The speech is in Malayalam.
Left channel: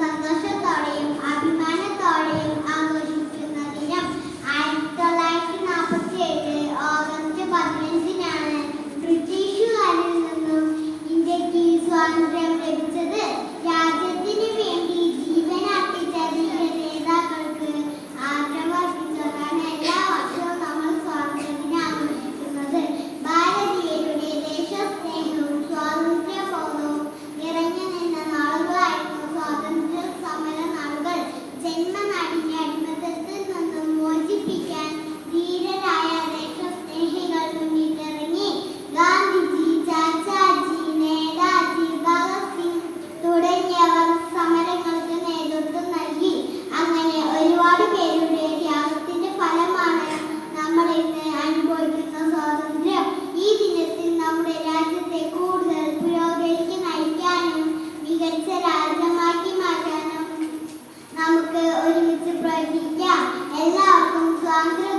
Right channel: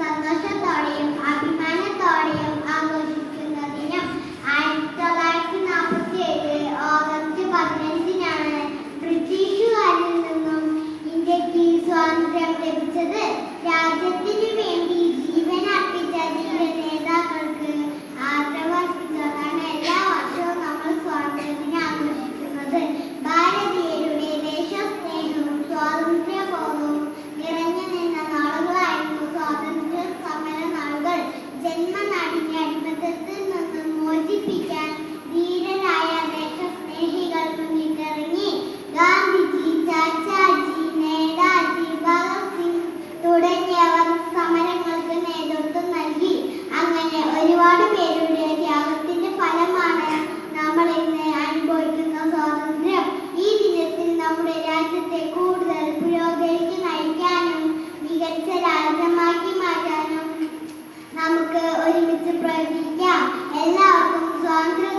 സന്തോഷത്തോടെയും അഭിമാനത്തോടെയും ആഘോഷിക്കുന്ന ദിനം 1947 ഓഗസ്റ്റ് 15-നാണ് ബ്രിട്ടീഷുകാരിൽ നിന്നും ഇന്ത്യക്ക് സ്വാതന്ത്ര്യം ലഭിച്ചത്. രാജ്യത്തിന് വേണ്ടി ജീവൻ അർപ്പിച്ച ധീര നേതാക്കൾക്ക് ആദരവർപ്പിച്ചാണ് എല്ലാ വർഷവും നമ്മൾ സ്വാതന്ത്ര്യദിനം ആഘോഷിക്കുന്നത്. ഭാരതീയരുടെ ദേശസ്നേഹവും സ്വാതന്ത്ര്യബോധവും നിറഞ്ഞു നിന്ന നാളുകളായിരുന്നു സ്വാതന്ത്ര്യ സമര നാളുകൾ. ജന്മനാടിനെ അടിമത്തത്തിൽ നിന്നും മോചിപ്പിക്കാൻ ധീരരായ ദേശസ്നേഹികൾ മുന്നിട്ടിറങ്ങി. ഗാന്ധിജി, ചാച്ചാജി, നേതാജി, ഭഗത് സിംഗ് തുടങ്ങിയവർ സമരങ്ങൾക്ക് നേതൃത്വം നൽകി. അങ്ങനെ ഒരുപാട് പേരുടെ ത്യാഗത്തിന്റെ ഫലമാണ് നമ്മൾ ഇന്ന് അനുഭവിക്കുന്ന സ്വാതന്ത്ര്യം. ഈ ദിനത്തിൽ നമ്മുടെ രാജ്യത്തെ കൂടുതൽ പുരോഗതിക്ക് നയിക്കാനും മികച്ച രാജ്യമാക്കി മാറ്റാനും നമുക്ക് ഒരുമിച്ച് പ്രവർത്തിക്കാം. എല്ലാവർക്കും സ്വാതന്ത്ര്യ